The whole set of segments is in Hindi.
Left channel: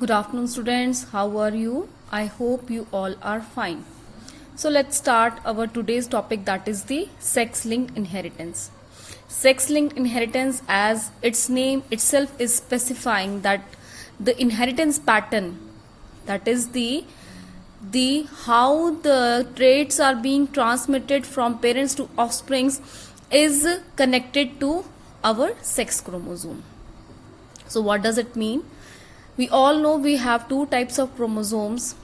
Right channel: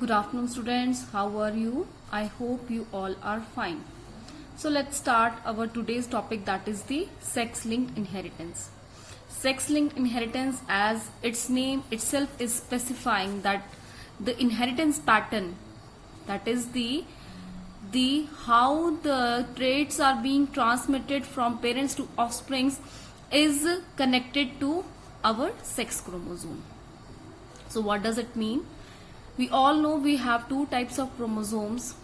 Good afternoon, students. How are you? I hope you all are fine. So let's start our today's topic, that is the sex-linked inheritance. Sex-linked inheritance, as its name itself is specifying, that the inheritance pattern, that is the how the traits are being transmitted from parents to offsprings, is connected to our sex chromosome. So what does it mean? We all know we have two types of chromosomes.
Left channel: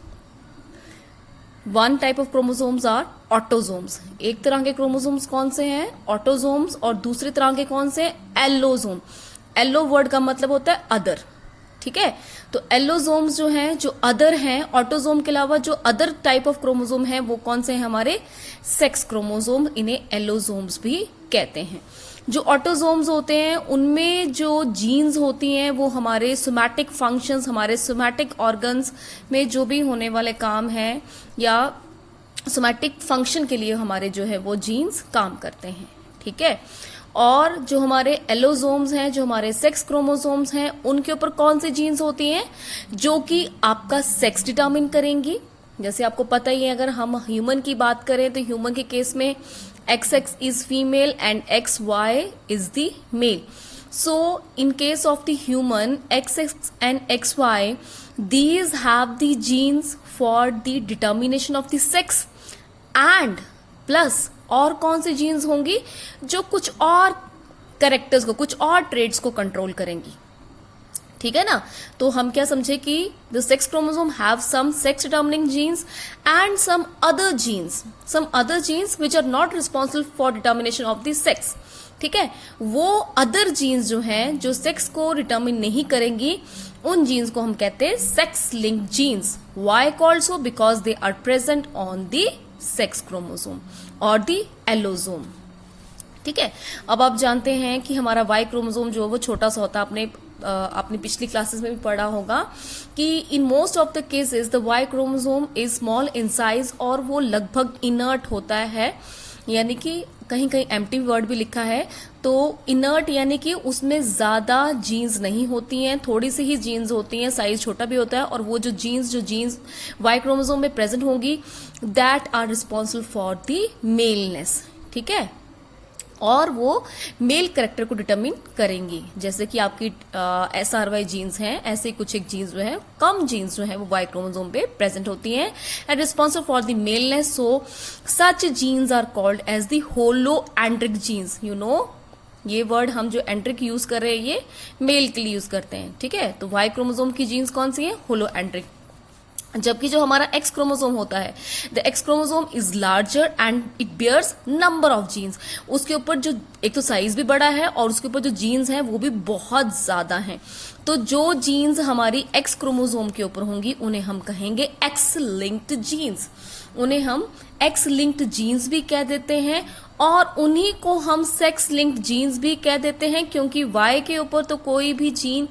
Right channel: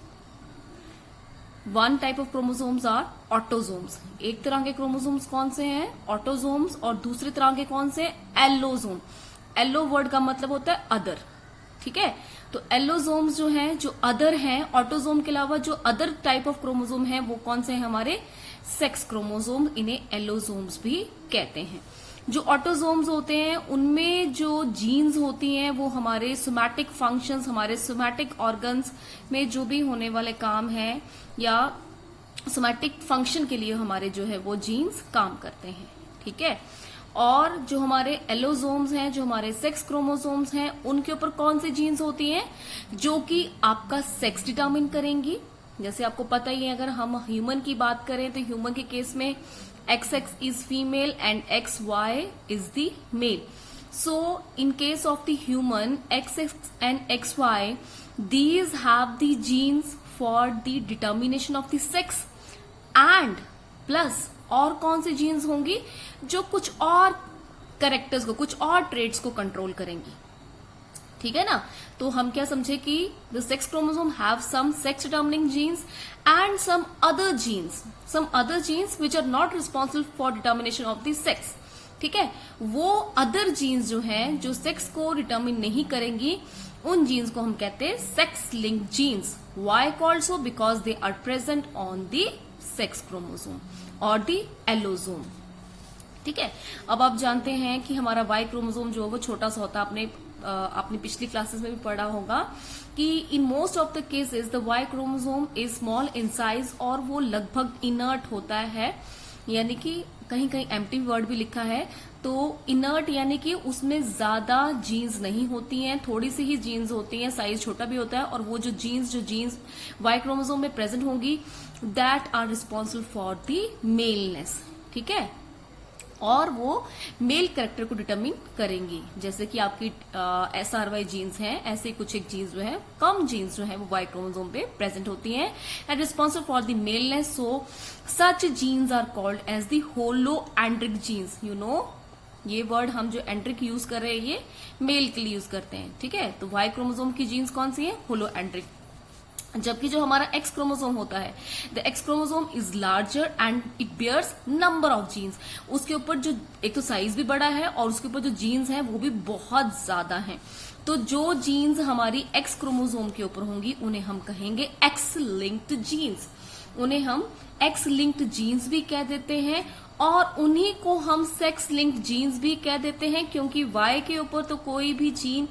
One type of chromosomes are autosomes. एक तरह के क्रोमोसोम्स कौन से हैं? ऑटोसोम्स. और दूसरी तरह के कौन से? एलोसोम. एलो वर्ड का मतलब होता है अदर. ठीक है, तो एलोसोम्स जो हैं, जो अदर हैं, ऑटोसोम के अलावा जो अदर टाइप ऑफ क्रोमोसोम हैं, वो कौन से हैं? हमारे सेक्स क्रोमोसोम. इन्हें एलोसोम्स भी कहते हैं. जो ऑटोसोम्स होते हैं उनमें जो जीन्स होती हैं वो हमारे सोमैटिक फंक्शंस, हमारे सोमैटिक ऑर्गन्स में जो भी होने वाले काम हैं या सोमैटिक फंक्शन के लिए हमारे जो है वो जीन्स काम करते हैं. ठीक है, और जो हमारे एलोसोम्स हैं, जो हमारे सेक्स क्रोमोसोम्स हैं, उनके ऊपर कौन सी जीन्स होती हैं जो कि आपका सेक्स डिटरमिन करेंगी. जैसे आपको पता ही है, अगर हम ह्यूमन की बात करें तो ह्यूमन के केस में XX is female and XY is the male. So in case of the human, XX and XY, these have the genes for the determination of the sex, and plus और कौन सी जीन्स होंगी जो कुछ और कैरेक्टर्स को, कुछ और ट्रेड्स को कंट्रोल करेंगी. ठीक है ना, तो हम क्या समझे कि the sex chromosome have some sex determining genes and some other genes which are not responsible for determination of the sex. ठीक है, वो अदर जीन्स जो हैं, जो सेक्स को डिटर्मिन नहीं करेंगी, उन जीन्स को हम कहते हैं sex linked genes. Why called so? Because they are present on the sex chromosome और द एलोसोम. ठीक है, अब आप जानते हैं कि हमारा वाई क्रोमोसोम जो है वो छोटा सा होता है. आपने पिछली क्लासेस में भी पढ़ा होगा कि in most of the cases the Y chromosome is small in size और वो लगभग इनर्ट होता है. यानी कि कहीं कहीं एम्प्टी वर्ड भी लिखा है, तो इनर्ट यानी कि उसमें ज्यादा जीन्स नहीं होती हैं, थोड़ी सी ही जीन्स होती हैं, साइज छोटा भी होता है. और वो जो जीन्स वाई क्रोमोसोम में प्रेजेंट होंगी, that are responsible for the maleness. ठीक है, और वो मेल कैरेक्टर को डिटरमिन करेंगी. जैसे कि आपकी SRY जीन्स हैं, ऐसे कुछ एक जीन्स जो है, कम जीन्स जो है वो वाई क्रोमोसोम पे प्रेजेंट होती हैं and responsible for the maleness. So such genes are called as the holandric genes. You know, ये वर्ड हम जो एंड्रिक यूज कर रहे हैं ये मेल के लिए यूज करते हैं. ठीक है, तो वाई क्रोमोसोम की जीन्स कौन सी है? Holandric. जबकि जो हमारा एक्स क्रोमोसोम होता है, the X chromosome is larger and it bears number of genes. उसके ऊपर जो एक तो साइज भी बड़ा है और उसके ऊपर जो जीन्स हैं वो भी बहुत ज्यादा हैं. तो जो जीन्स हमारी एक्स क्रोमोसोम के ऊपर होंगी उन्हें हम कहेंगे एक्स लिंक्ड जीन्स. उन्हें हम एक्स लिंक्ड जीन्स भी कह देते हैं और उन्हीं को हम सेक्स लिंक्ड जीन्स भी कह देते हैं, क्योंकि वाई के ऊपर तो कोई भी जीन,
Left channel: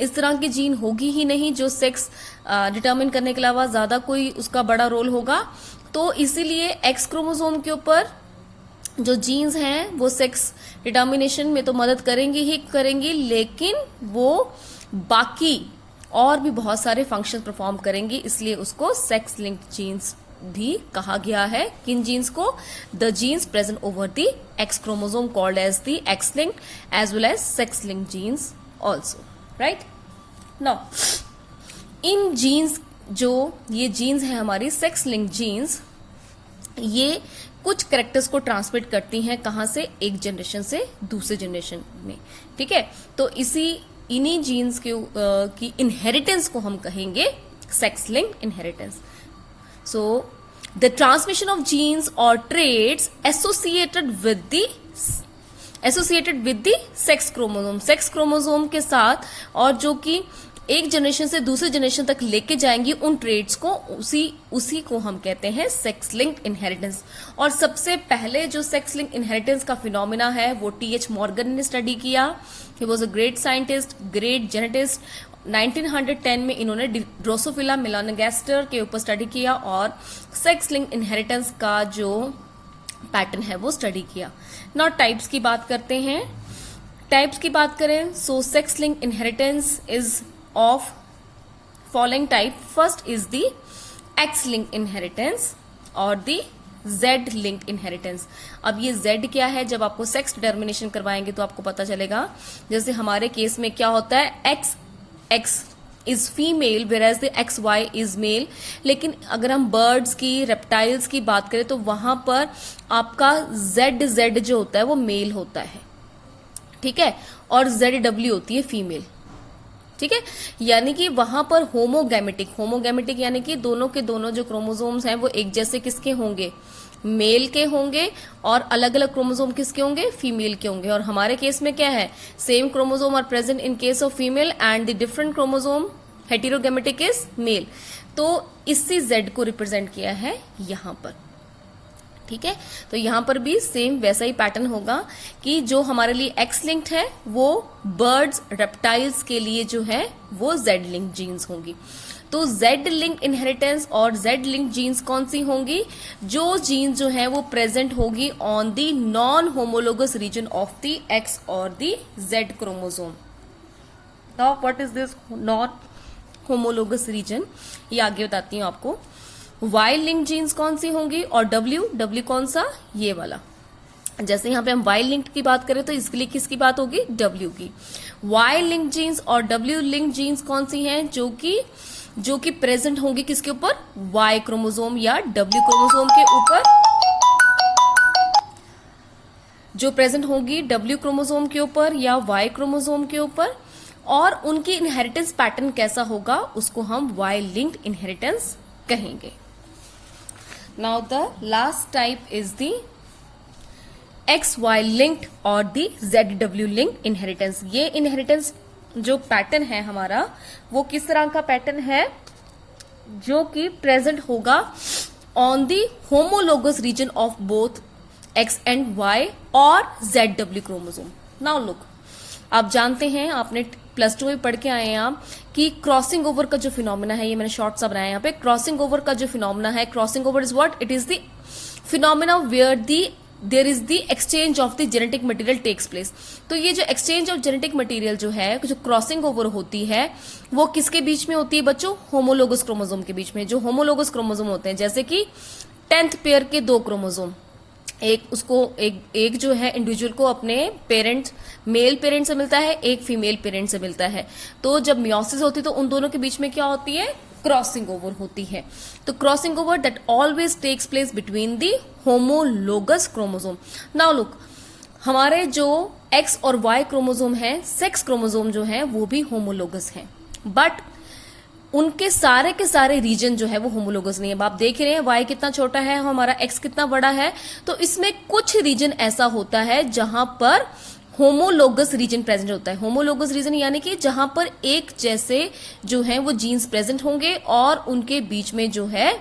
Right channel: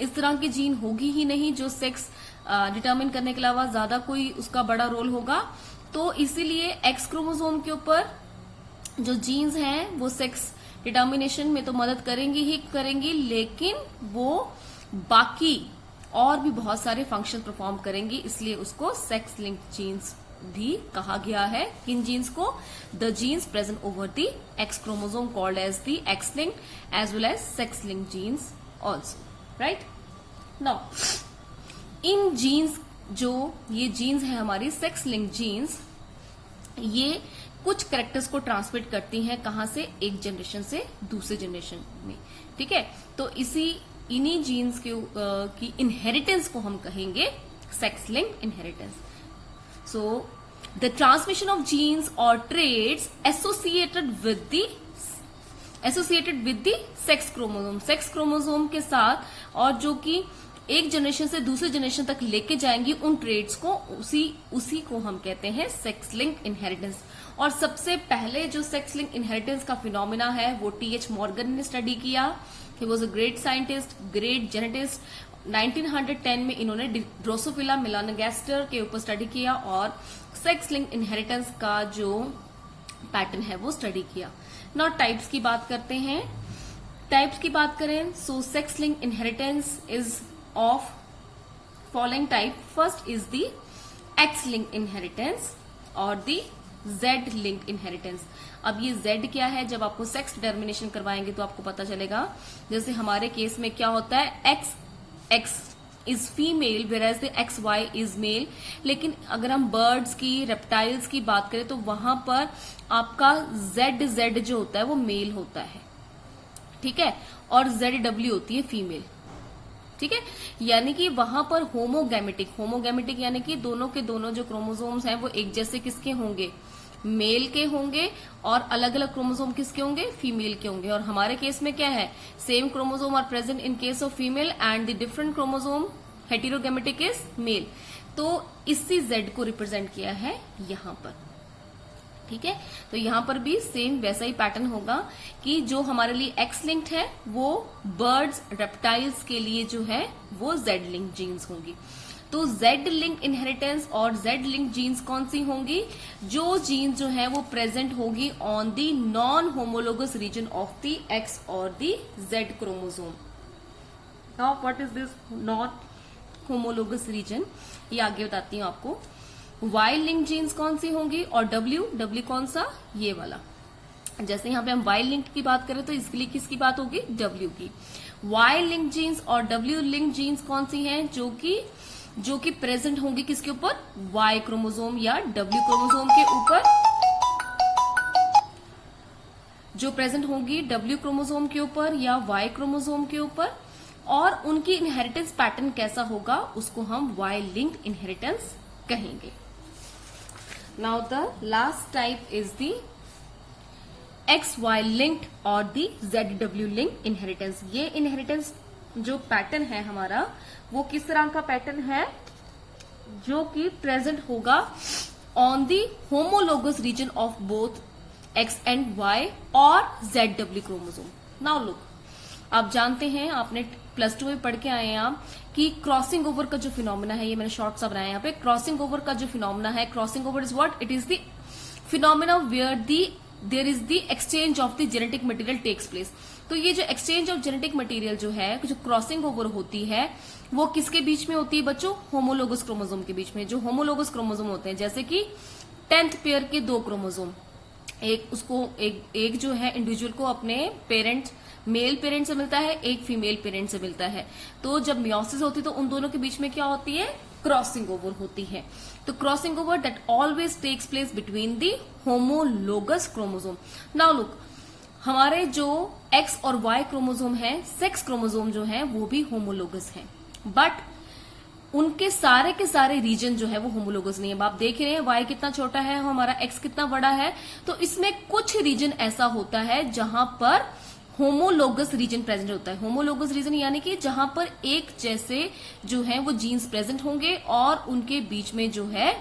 इस तरह की जीन होगी ही नहीं जो सेक्स डिटरमिन करने के अलावा ज्यादा कोई उसका बड़ा रोल होगा. तो इसीलिए एक्स क्रोमोसोम के ऊपर जो जीन्स हैं वो सेक्स डिटर्मिनेशन में तो मदद करेंगी ही करेंगी, लेकिन वो बाकी और भी बहुत सारे फंक्शन परफॉर्म करेंगी. इसलिए उसको सेक्स लिंक्ड जीन्स भी कहा गया है. किन जीन्स को? The genes present over the X chromosome called as the X linked as well as sex linked genes also. Right now, इन जीन्स, जो ये जीन्स है हमारी सेक्स लिंक्ड जीन्स, ये कुछ कैरेक्टर्स को ट्रांसमिट करती हैं. कहां से? एक जनरेशन से दूसरे जनरेशन में. ठीक है, तो इन्हीं जीन्स की इनहेरिटेंस को हम कहेंगे sex linked inheritance. So the transmission of genes और traits associated with the sex chromosome के साथ, और जो कि एक जनरेशन से दूसरे जनरेशन तक लेके जाएंगी उन ट्रेड्स को, उसी को हम कहते हैं सेक्स लिंक्ड इनहेरिटेंस. और सबसे पहले जो सेक्स लिंक्ड इनहेरिटेंस का फिनोमिना है वो TH मॉर्गन ने स्टडी किया. He was a great scientist, great geneticist. 1910 में इन्होंने ड्रोसोफिला मेलानोगास्टर के ऊपर स्टडी किया और सेक्स लिंक्ड इनहेरिटेंस का जो पैटर्न है वो स्टडी किया. नाउ टाइप्स की बात करते हैं. टाइप्स की बात करें, so sex linked inheritance is of following type, first is the X linked inheritance और द जेड लिंक्ड इनहेरिटेंस। अब ये जेड क्या है, जब आपको सेक्स डिटर्मिनेशन करवाएंगे तो आपको पता चलेगा। जैसे हमारे केस में क्या होता है, X is female whereas the X Y is male. लेकिन अगर हम बर्ड्स की, रेप्टाइल्स की बात करें तो वहां पर आपका जेड जो होता है वो मेल होता है, ठीक है, और जेड होती है फीमेल, ठीक है। यानी कि वहां पर होमोगैमेटिक यानी कि दोनों के दोनों जो क्रोमोसोम्स हैं वो एक जैसे किसके होंगे, मेल के होंगे, और अलग अलग क्रोमोसोम किसके होंगे, फीमेल के होंगे। और हमारे केस में क्या है, same chromosome are present in case of female and the different chromosome heterogametic is male. तो इसी जेड को रिप्रेजेंट किया है यहां पर, ठीक है। तो यहां पर भी सेम वैसा ही पैटर्न होगा कि जो हमारे लिए एक्स लिंक्ड है वो बर्ड्स, रेप्टाइल्स के लिए जो है वो जेड लिंक जीन्स होंगी। तो जेड लिंक इनहेरिटेंस और जेड लिंक जीन्स कौन सी होंगी, जो जीन्स जो है वो प्रेजेंट होगी on the non homologous region of the X और the Z chromosome. Now what is this non homologous region, ये आगे बताती हूँ आपको। वाई लिंक जीन्स कौन सी होंगी, और डब्ल्यू कौन सा, ये वाला। जैसे यहां पे हम वाई लिंक की बात करें तो इसके लिए किसकी बात होगी, डब्ल्यू की। वाई लिंक जीन्स और डब्ल्यू लिंक जीन्स कौन सी हैं, जो कि प्रेजेंट होंगी किसके ऊपर, वाई क्रोमोसोम या डब्ल्यू क्रोमोसोम के ऊपर, जो प्रेजेंट होंगी डब्ल्यू क्रोमोसोम के ऊपर या वाई क्रोमोसोम के ऊपर। और उनकी इनहेरिटेंस पैटर्न कैसा होगा, उसको हम वाई लिंक्ड इनहेरिटेंस कहेंगे। Now the last type is the X Y linked और the Z W linked inheritance. ये इनहेरिटेंस जो पैटर्न है हमारा वो किस तरह का पैटर्न है, जो कि प्रेजेंट होगा on the homologous region of both X and Y और Z W chromosome. Now look, आप जानते हैं, आपने +2 में पढ़ के आए हैं आप कि क्रॉसिंग ओवर का जो फिनोमेना है, ये मैंने शॉर्ट सा बनाया यहाँ पे। क्रॉसिंग ओवर का जो फिनोमेना है, crossing over is what, it is the phenomena where there is the exchange of the genetic material takes place. तो ये जो एक्सचेंज ऑफ जेनेटिक मटेरियल जो है, जो क्रॉसिंग ओवर होती है, वो किसके बीच में होती है बच्चों, होमोलोगस क्रोमोसोम के बीच में। जो होमोलोगस क्रोमोसोम होते हैं, जैसे कि 10th पेयर के 2 क्रोमोसोम, एक जो है इंडिविजुअल को अपने पेरेंट, मेल पेरेंट से मिलता है, एक फीमेल पेरेंट से मिलता है। तो जब मियोसिस होती है तो उन दोनों के बीच में क्या होती है, क्रॉसिंग ओवर होती है। तो crossing over that always takes place between the homologous chromosome. Now look, हमारे जो एक्स और वाई क्रोमोसोम है, सेक्स क्रोमोसोम जो है वो भी होमोलोगस है, बट उनके सारे के सारे रीजन जो है वो होमोलोगस नहीं है। आप देख रहे हैं वाई कितना छोटा है, हमारा एक्स कितना बड़ा है। तो इसमें कुछ रीजन ऐसा होता है जहां पर होमोलोगस रीजन प्रेजेंट होता है। होमोलोगस रीजन यानी कि जहां पर एक जैसे जो है वो जीन्स प्रेजेंट होंगे और उनके बीच में जो है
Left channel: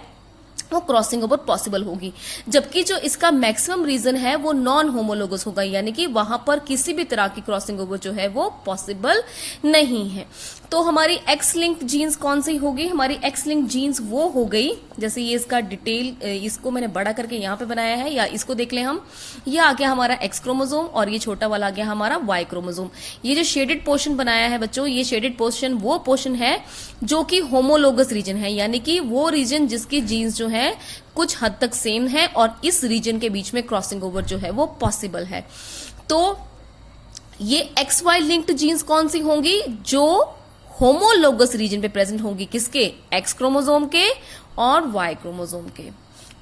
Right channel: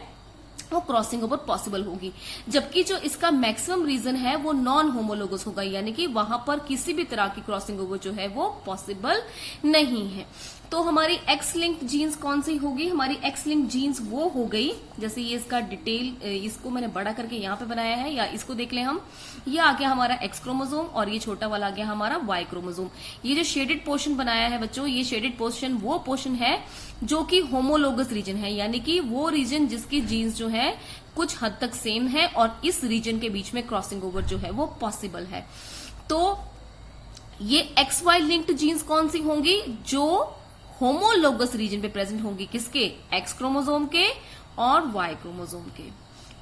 वो क्रॉसिंग ओवर पॉसिबल होगी। जबकि जो इसका मैक्सिमम रीजन है वो नॉन होमोलोगस होगा, यानी कि वहां पर किसी भी तरह की क्रॉसिंग ओवर जो है वो पॉसिबल नहीं है। तो हमारी एक्स लिंक जीन्स कौन सी होगी, हमारी एक्स लिंक जीन्स वो हो गई, जैसे ये इसका डिटेल, इसको मैंने बड़ा करके यहाँ पे बनाया है, या इसको देख लें हम, ये आ गया हमारा एक्स क्रोमोसोम और ये छोटा वाला आ गया हमारा वाई क्रोमोसोम। ये जो शेडेड पोर्शन बनाया है बच्चों, ये शेडेड पोर्शन वो पोर्शन है जो कि होमोलोगस रीजन है, यानी कि वो रीजन जिसकी जीन्स जो है कुछ हद तक सेम है और इस रीजन के बीच में क्रॉसिंग ओवर जो है वो पॉसिबल है। तो ये एक्स वाई लिंक्ड जीन्स कौन सी होंगी, जो होमोलोगस रीजन पे प्रेजेंट होंगी, किसके, एक्स क्रोमोसोम के और वाई क्रोमोसोम के,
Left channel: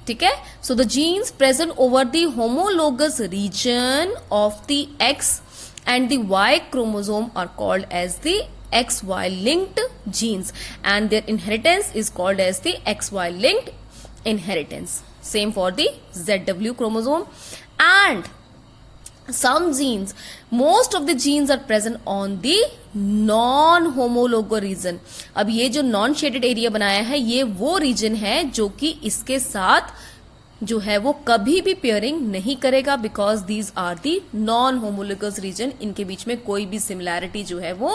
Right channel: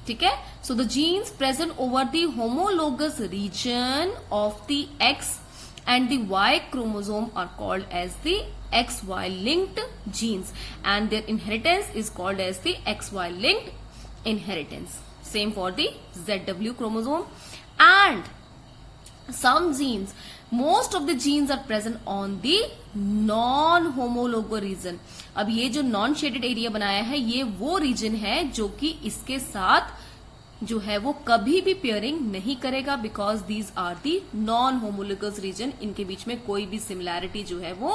ठीक है। So the genes present over the homologous region of the X and the Y chromosome are called as the XY linked genes and their inheritance is called as the XY linked inheritance. Same for the ZW chromosome and some genes, most of the genes are present on the non-homologous region. अब ये जो non shaded area बनाया है ये वो region है जो कि इसके साथ जो है वो कभी भी पेयरिंग नहीं करेगा, because these are the non homologous region, इनके बीच में कोई भी सिमिलैरिटी जो है वो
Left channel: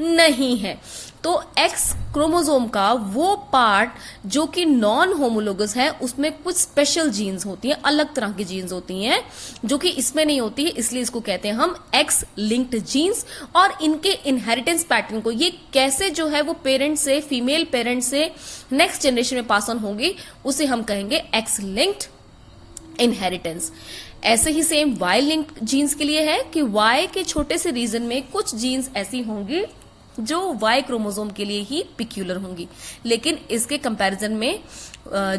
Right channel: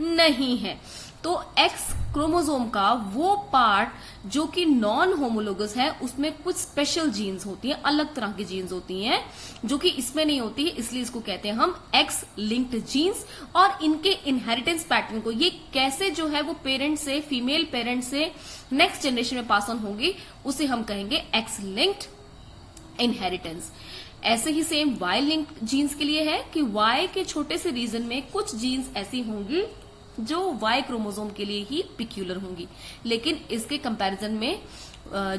नहीं है। तो एक्स क्रोमोसोम का वो पार्ट जो कि नॉन होमोलोगस है, उसमें कुछ स्पेशल जीन्स होती हैं, अलग तरह की जीन्स होती हैं जो कि इसमें नहीं होती है, इसलिए इसको कहते हैं हम एक्स लिंक्ड जीन्स। और इनके इनहेरिटेंस पैटर्न को, ये कैसे जो है वो पेरेंट से, फीमेल पेरेंट से नेक्स्ट जनरेशन में पास ऑन होगी, उसे हम कहेंगे एक्स लिंक्ड इनहेरिटेंस। ऐसे ही सेम वाई लिंक्ड जीन्स के लिए है कि वाई के छोटे से रीजन में कुछ जीन्स ऐसी होंगी जो वाई क्रोमोसोम के लिए ही पिक्यूलर होंगी, लेकिन इसके कंपैरिजन में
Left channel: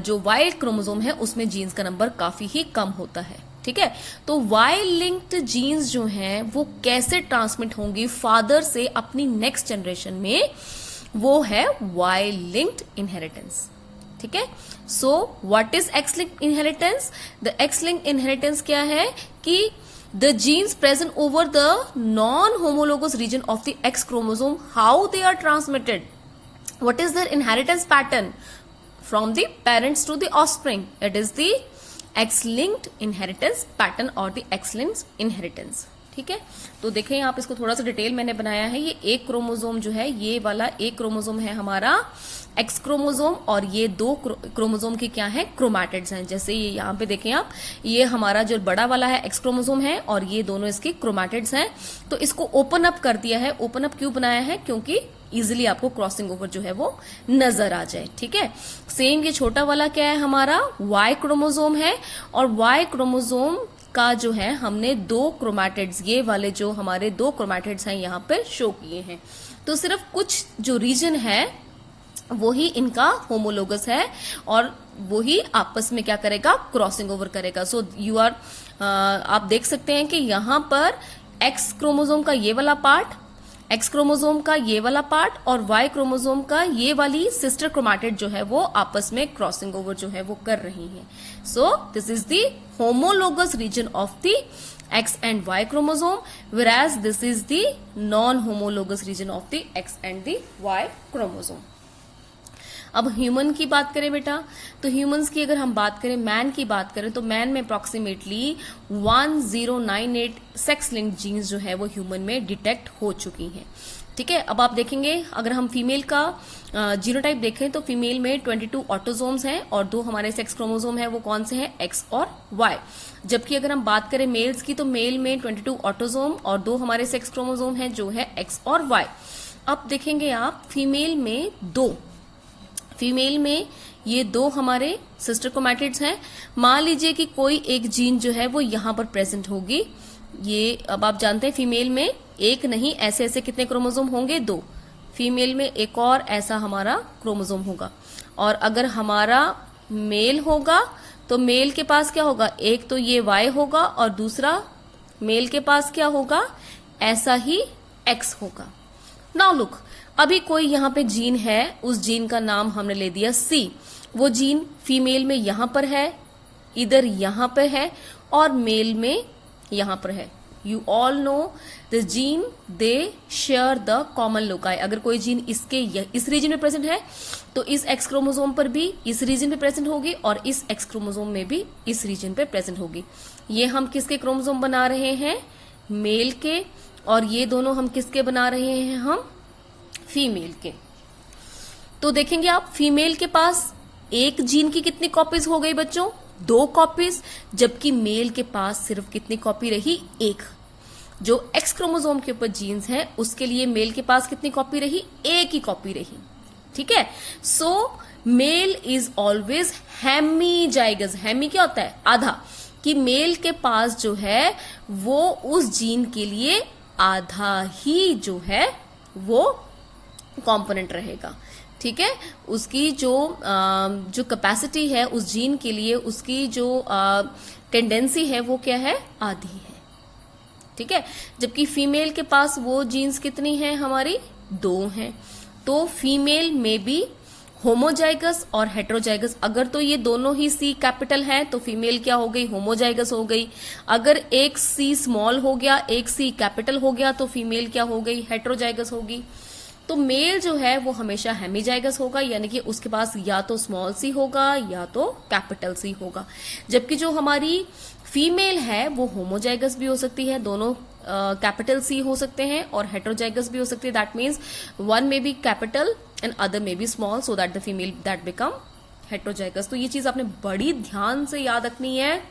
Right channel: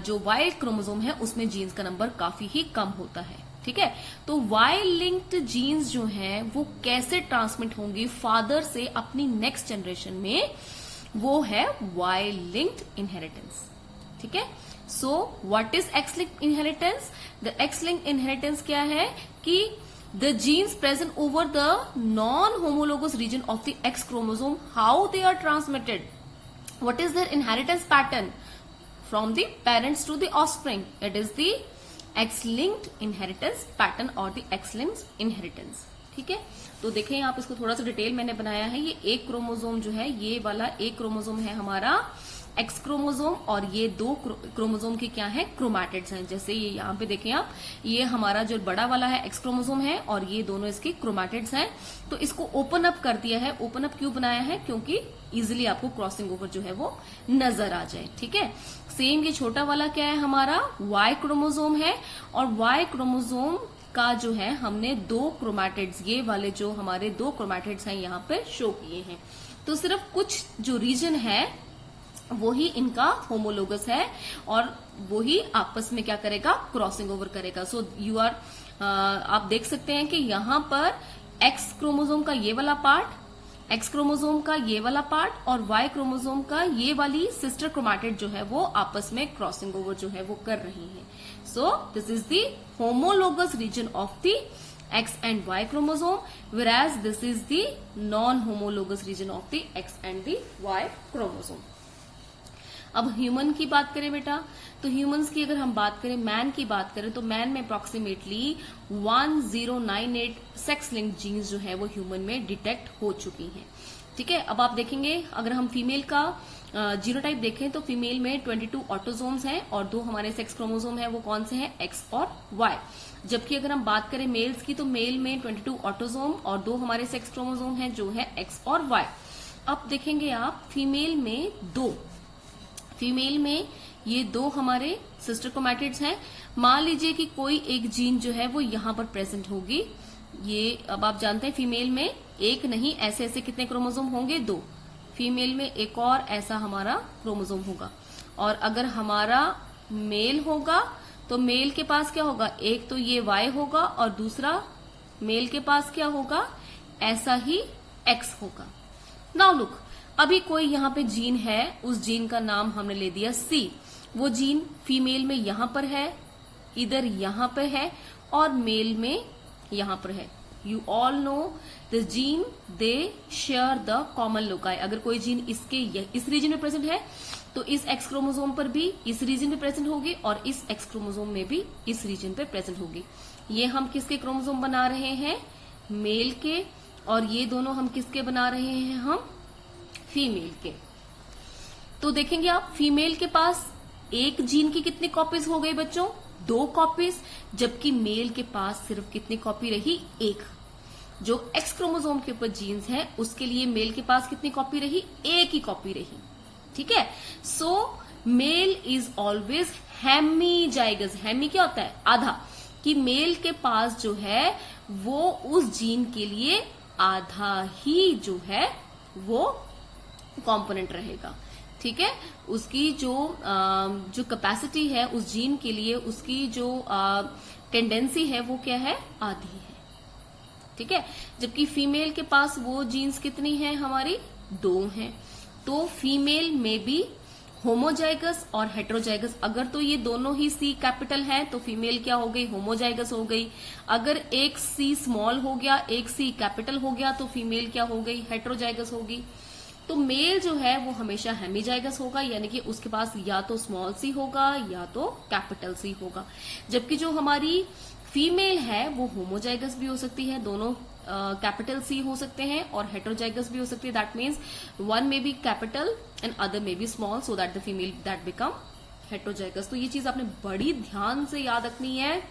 जो वाई क्रोमोसोम है उसमें जीन्स का नंबर काफी ही कम होता है। ठीक है, तो वाई लिंक्ड जीन्स जो हैं वो कैसे ट्रांसमिट होंगी फादर से अपनी नेक्स्ट जनरेशन में, वो है वाई लिंक्ड इनहेरिटेंस। ठीक है, so what is x linked inheritance? The X linked inheritance क्या है कि the genes present over the non-homologous region of the X chromosome, how they are transmitted, what is their inheritance pattern from the parents to the offspring, that is the X-linked inheritance pattern or the X-linked inheritance। ठीक है, तो देखें यहाँ पे इसको थोड़ा सा डिटेल मैंने बनाया है। ये एक क्रोमोसोम जो है, ये वाला एक क्रोमोसोम है हमारा एक्स क्रोमोसोम, और ये दो क्रोमोसोम के क्या है, क्रोमैटिड्स हैं। जैसे ये यहाँ पे देखें आप, ये हमारा जो बड़ा वाला है एक्स क्रोमोसोम है और ये दोनों इसके क्रोमैटिड्स हैं। तो इसको ओपन अप कर दिया है। ओपन अप क्यों बनाया है? क्योंकि इजिली आपको क्रॉसिंग ओवर जो है वो नजर आ जाए। ठीक है, सेम ये छोटा वाला क्या है हमारा, वाई क्रोमोसोम है, और वाई क्रोमोसोम का जो है हमने दो क्रोमैटिड्स, ये वाले जो हमारे दो क्रोमैटिड्स हैं यहाँ पे शो किए हैं। तो सिर्फ कुछ जो रीजन है वही इनका होमोलोगस है और वही आपस में क्या करेगा, क्रॉसिंग ओवर करेगा। सो यू आर, आप देख सकते हैं कि यहाँ पर एक्स क्रोमोसोम का ये वाला पार्ट, एक्स क्रोमोसोम का ये वाला पार्ट और वाई क्रोमोसोम का ये वाली सिस्टर क्रोमैटिड जो है वो आपस में क्रॉसिंग ओवर जो है वो कर रही है। So this is the homologous region of the X and Y chromosome, whereas this is the non-homologous region of the X and the Y chromosome। अब ह्यूमन की बात करें बेटा, तो ह्यूमंस की अगर हम बात करें, मैन की बात करें, तो मैन में अप्रोक्सीमेटली 1098 सेक्स लिंक्ड जीन्स जो है वो ह्यूमन में डिटेक्ट हो चुकी हैं। ठीक है, अब आप देखेंगे अगर हम फीमेल का जीनोटाइप देखें तो फीमेल में 22 ऑटोसोम्स हैं और दो हमारे सेक्स क्रोमोसोम है, वो कौन से हैं, एक्स और वाई। जबकि अगर हम बात करें मेल्स की, तो मेल में 22 ऑटोसोम और दो हमारे सेक्स क्रोमोसोम हैं जो है एक्स और वाई। अब देखेंगे आप फीमेल में दो, फीमेल में ये दो हमारे सिस्टर क्रोमैटिड्स हैं। मान लीजिए कि कोई एक जीन जो है वो यहां पर प्रेजेंट होगी, ये अब आप जानते हैं फीमेल में एक नहीं, ऐसे ऐसे कितने क्रोमोसोम होंगे, दो। फीमेल में एक और ऐसा हमारा क्रोमोसोम होगा, और अगर हमारा मेल होगा तो मेल के पास क्या होगा, एक तो ये वाई होगा और दूसरा मेल के पास क्या होगा, ऐसा ही एक्स होगा। नाउ लुक, अभी कोई यहाँ पे जीन है, उस जीन का नाम हमने ले दिया सी। वो जीन फीमेल में यहां पर है, इधर यहां पर है, और मेल में यहां पर है। You all know the gene they share the common loci. अगर कोई जीन इस रीजन में प्रेजेंट है तो इस एक्स क्रोमोसोम पर भी इस रीजन में प्रेजेंट होगी और इस एक्स क्रोमोसोम में भी इस रीजन पे प्रेजेंट होगी। ये हम किसके क्रोमोसोम बना रहे हैं, मेल के, और ये दोनों हम किसके बना रहे हैं, हम फीमेल के। तो देखेंगे आप फीमेल के पास एक जीन की कितनी कॉपीज हो गई बच्चों, 2 कॉपीज, जबकि मेल के पास सिर्फ कितनी कॉपी रही, एक। जो एक्स क्रोमोसोम के ऊपर जीन्स हैं उसके लिए मेल के पास कितनी कॉपी रही, एक ही कॉपी रही। ठीक है, so male is always hemizygous. Hemi क्या होता है, आधा, कि मेल के पास जो है वो उस जीन के लिए आधा ही जो है वो कंपोनेंट रहेगा। ठीक है, उसकी जो कैपेसिटी है उस जीन के लिए, उसकी जो टेंडेंसी है वो क्या है, आधी है। ठीक है, जबकि फीमेल के पास वो जीन्स कितनी है हमारी, 2 हैं। तो फीमेल में भी होमोजाइगस और हेटेरोजाइगस, अगर तो ये दोनों ही सी कैपिटल हैं तो फीमेल क्या हो गई, होमोजाइगस हो गई। अगर एक सी स्मॉल हो गया, एक सी कैपिटल हो गया, तो फीमेल क्या हो गई, हेटेरोजाइगस होगी। तो मेल जो है वो हमेशा हेमीजाइगस होगा, यानी कि उसके पास या तो स्मॉल सी होगा या तो कैपिटल सी होगा। जबकि जो हमारी फीमेल है वो होमोजाइगस भी हो सकती है, दोनों कैपिटल सी हो सकते हैं और हेटेरोजाइगस भी हो सकते हैं. दैट मीन्स वन में बी कैपिटल एंड अदर में B small, so that the female that become heterozygous. तो ये चीज आपने बड़ी ध्यान से याद रखनी है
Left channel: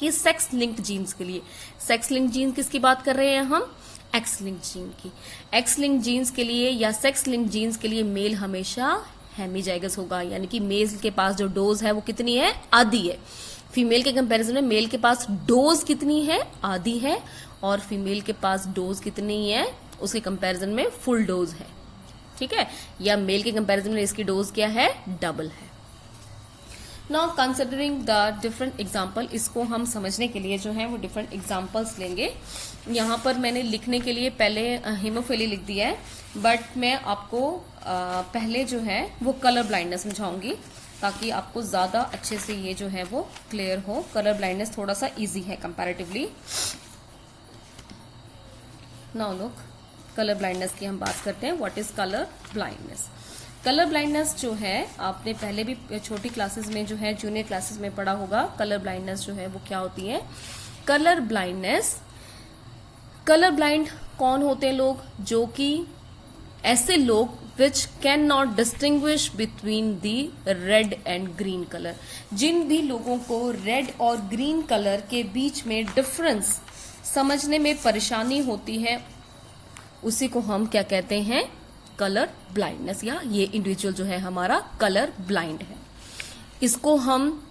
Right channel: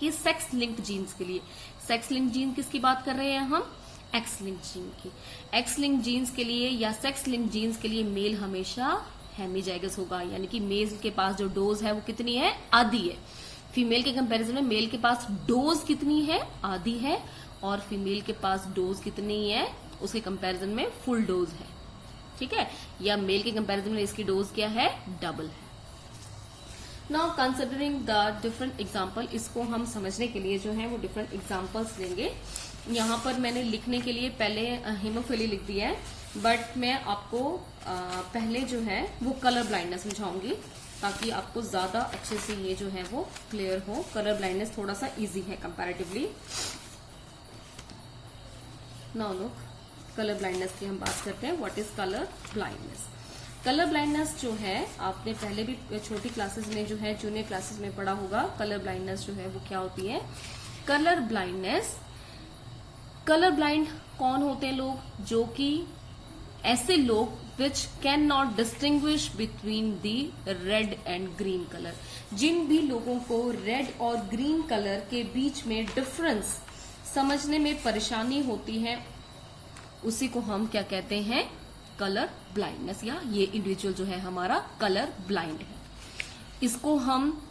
कि सेक्स लिंक्ड जीन्स के लिए. सेक्स लिंक्ड जीन किसकी बात कर रहे हैं हम? एक्स लिंक्ड जीन की. एक्स लिंक्ड जीन्स के लिए या सेक्स लिंक्ड जीन्स के लिए मेल हमेशा हेमीजाइगस होगा, यानी कि मेल के पास जो डोज है वो कितनी है? आधी है. फीमेल के कंपैरिजन में मेल के पास डोज कितनी है? आधी है. और फीमेल के पास डोज कितनी है? उसके कंपैरिजन में फुल डोज है. ठीक है. या मेल के कंपैरिजन में इसकी डोज क्या है? डबल है. Now considering the different example, इसको हम समझने के लिए जो है वो डिफरेंट एग्जाम्पल्स लेंगे. यहाँ पर मैंने लिखने के लिए पहले हीमोफिली लिख दिया है, बट मैं आपको पहले जो है वो कलर ब्लाइंडनेस समझाऊंगी ताकि आपको ज्यादा अच्छे से ये जो है वो क्लियर हो. कलर ब्लाइंडनेस थोड़ा सा इजी है comparatively. Now look, colour blindness की हम बात करते हैं. What is colour blindness? Colour blindness जो है आपने पहले भी छोटी क्लासेस में जो है जूनियर क्लासेस में पढ़ा होगा. कलर ब्लाइंडनेस जो है वो क्या होती है? कलर ब्लाइंडनेस, कलर ब्लाइंड कौन होते हैं लोग? जो कि ऐसे लोग which can not distinguish between the red and green colour. जिन भी लोगों को रेड और ग्रीन कलर के बीच में डिफरेंस समझने में परेशानी होती है, उसी को हम क्या कहते हैं? Colour blindness. या ये इंडिविजुअल जो है हमारा कलर ब्लाइंड है. इसको हम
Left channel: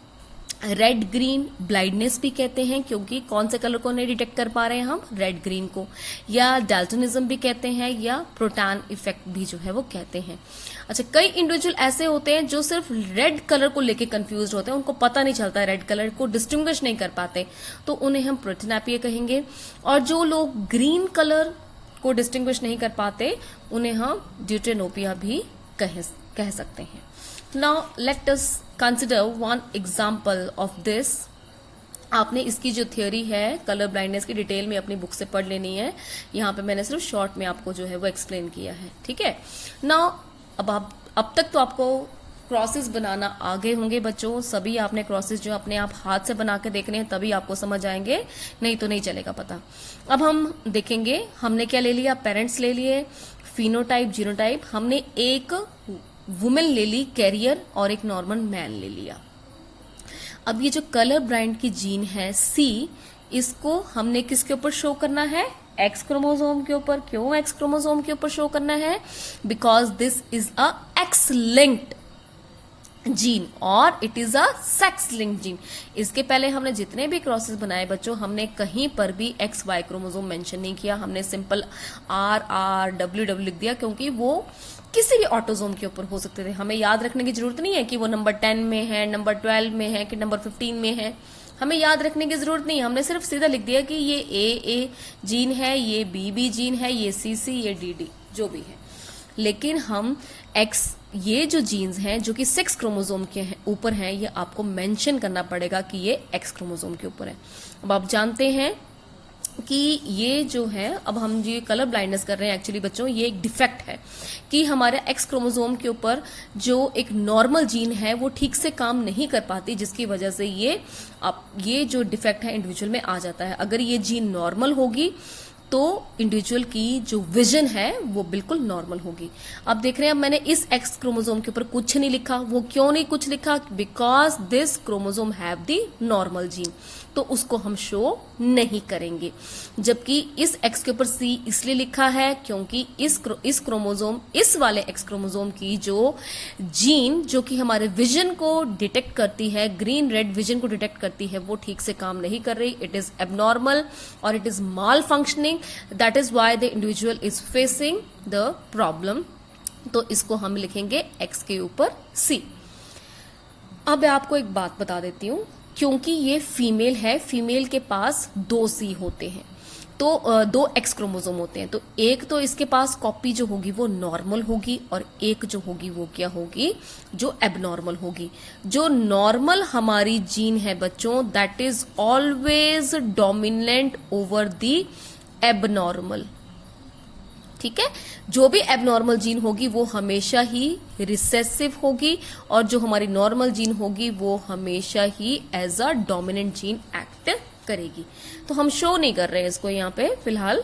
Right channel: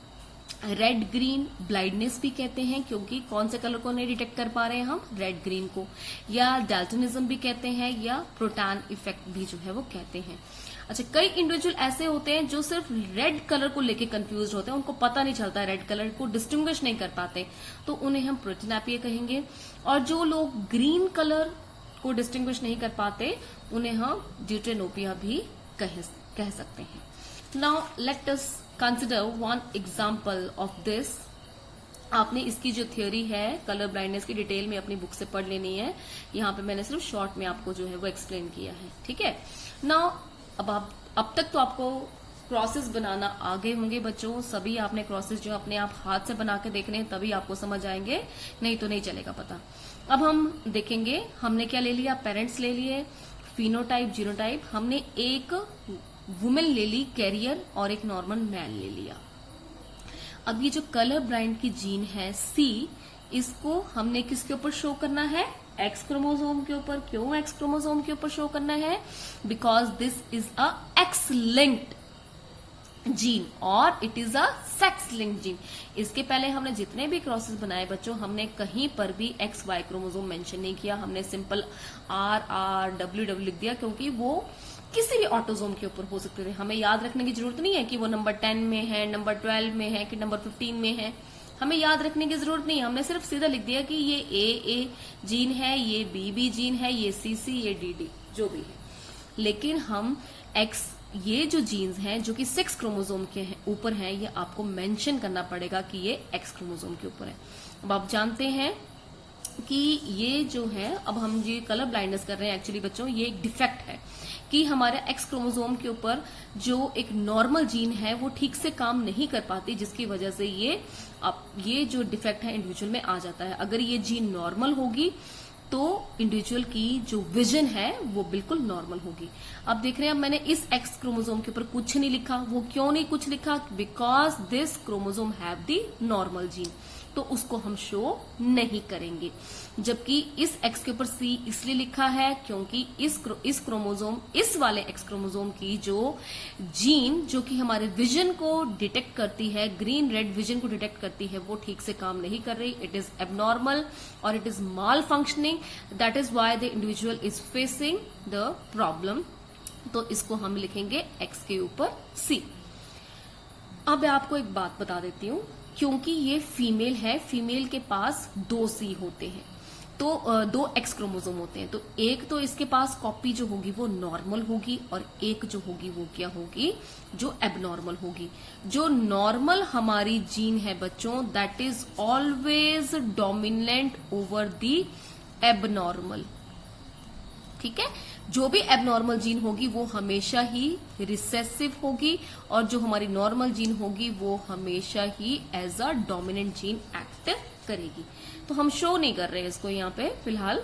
रेड ग्रीन ब्लाइंडनेस भी कहते हैं, क्योंकि कौन से कलर को नहीं डिटेक्ट कर पा रहे हैं हम? रेड ग्रीन को. या डाल्टनिज्म भी कहते हैं, या प्रोटॉन इफेक्ट भी जो है वो कहते हैं. अच्छा, कई इंडिविजुअल ऐसे होते हैं जो सिर्फ रेड कलर को लेके कंफ्यूज होते हैं, उनको पता नहीं चलता, रेड कलर को डिस्टिंग्विश नहीं कर पाते, तो उन्हें हम प्रोटिनापिया कहेंगे. और जो लोग ग्रीन कलर को डिस्टिंग्विश नहीं कर पाते, उन्हें हम ड्यूटेनोपिया भी कह सकते हैं. Now let us consider one example of this. आपने इसकी जो थ्योरी है कलर ब्लाइंडनेस की डिटेल में अपनी बुक से पढ़ लेनी है. यहाँ पे मैंने सिर्फ शॉर्ट में आपको जो है वो एक्सप्लेन किया है. ठीक है. नाउ अब तक तो आपको क्रॉसेस बनाना आ गए होंगे बच्चों. सभी आपने क्रॉसेस जो अपने आप हाथ से बना के देखने हैं, तभी आपको समझ आएंगे, नहीं तो नहीं चलेगा पता. अब हम देखेंगे हमने क्या ले लिया? पेरेंट्स ले लिए, फिनोटाइप, जीनोटाइप. हमने एक वुमेन ले ली कैरियर और एक नॉर्मल मैन ले लिया. अब ये जो कलर ब्लाइंड की जीन है सी, इसको हमने किसके ऊपर शो करना है? एक्स क्रोमोसोम के ऊपर. क्यों एक्स क्रोमोसोम के ऊपर शो करना है? Because this is a X linked gene और it is a sex linked gene. इसके पहले हमने जितने भी क्रॉसेस बनाए बच्चों, हमने कहीं पर भी एक्स वाई क्रोमोसोम मेंशन नहीं किया. हमने सिंपल आर डब्ल्यू लिख दिया, क्योंकि वो किसी भी ऑटोजोम के ऊपर हो सकते थे. हमें याद रखने की जरूरत नहीं है कि वो नंबर 10 में है, नंबर 12 में है, कि नंबर 15 में है. हमें याद रखने की जरूरत नहीं है. हमने सिर्फ सीधा लिख दिया कि ये ए जीन है, ये बी जीन है, ये सी, ये डी जो भी है. लेकिन हम एक्स, ये जो जीन्स हैं जो कि 6 क्रोमोसोम के ऊपर हैं, ये आपको मेंशन करना पड़ेगा कि ये एक्स क्रोमोसोम के ऊपर है. अब आप जानते हैं कि ये जो है, अब हम ये कलर ब्लाइंडनेस कर रहे हैं, एक्चुअली बच्चों ये एक डिफेक्ट है कि हमारे एक्स क्रोमोसोम के ऊपर जो एक नॉर्मल जीन है वो ठीक से काम नहीं कर पाती, जिसकी वजह से ये जो डिफेक्ट है इंडिविजुअल में आ जाता है. अगर ये जीन नॉर्मल होगी तो इंडिविजुअल की जो विजन है वो बिल्कुल नॉर्मल होगी. अब देख रहे हैं, मैंने इस एक्स क्रोमोसोम के ऊपर कुछ नहीं लिखा. वो क्यों नहीं कुछ लिखा? Because this chromosome have the normal gene, तो उसको हम शो नहीं करेंगे. जबकि इस एक्स के ऊपर सी इसलिए लिखा है क्योंकि इस क्रोमोसोम, इस वाले एक्स क्रोमोसोम की जो जीन जो कि हमारे विजन को डिटेक्ट करती है, ग्रीन रेड विजन को डिटेक्ट करती है, वो ठीक से काम नहीं कर रही. इट इज एबनॉर्मल और it is mall functioning. That is why the individual is facing the problem. तो इसको हम लिखेंगे एक्स के ऊपर सी. अब मैं आपको एक बात बता देती हूं, क्योंकि ये फीमेल है, फीमेल के पास 2 सी होते हैं, तो 2 एक्स क्रोमोसोम होते हैं. तो एक तो इसके पास कॉपी जो होगी वो नॉर्मल होगी, और एक जो होगी वो क्या होगी? जो एबनॉर्मल होगी. जो नॉर्मल हमारी जीन है बच्चों, that is always dominant over the abnormal. ठीक है. जो भी एबनॉर्मल जीन होगी वो हमेशा ही रिसेसिव होगी, और जो हमारी नॉर्मल जीन होगी वो हमेशा ही as a dominant gene act affect करेगी। तो हम शो नहीं कर रहे हैं इसको यहाँ पे फिलहाल।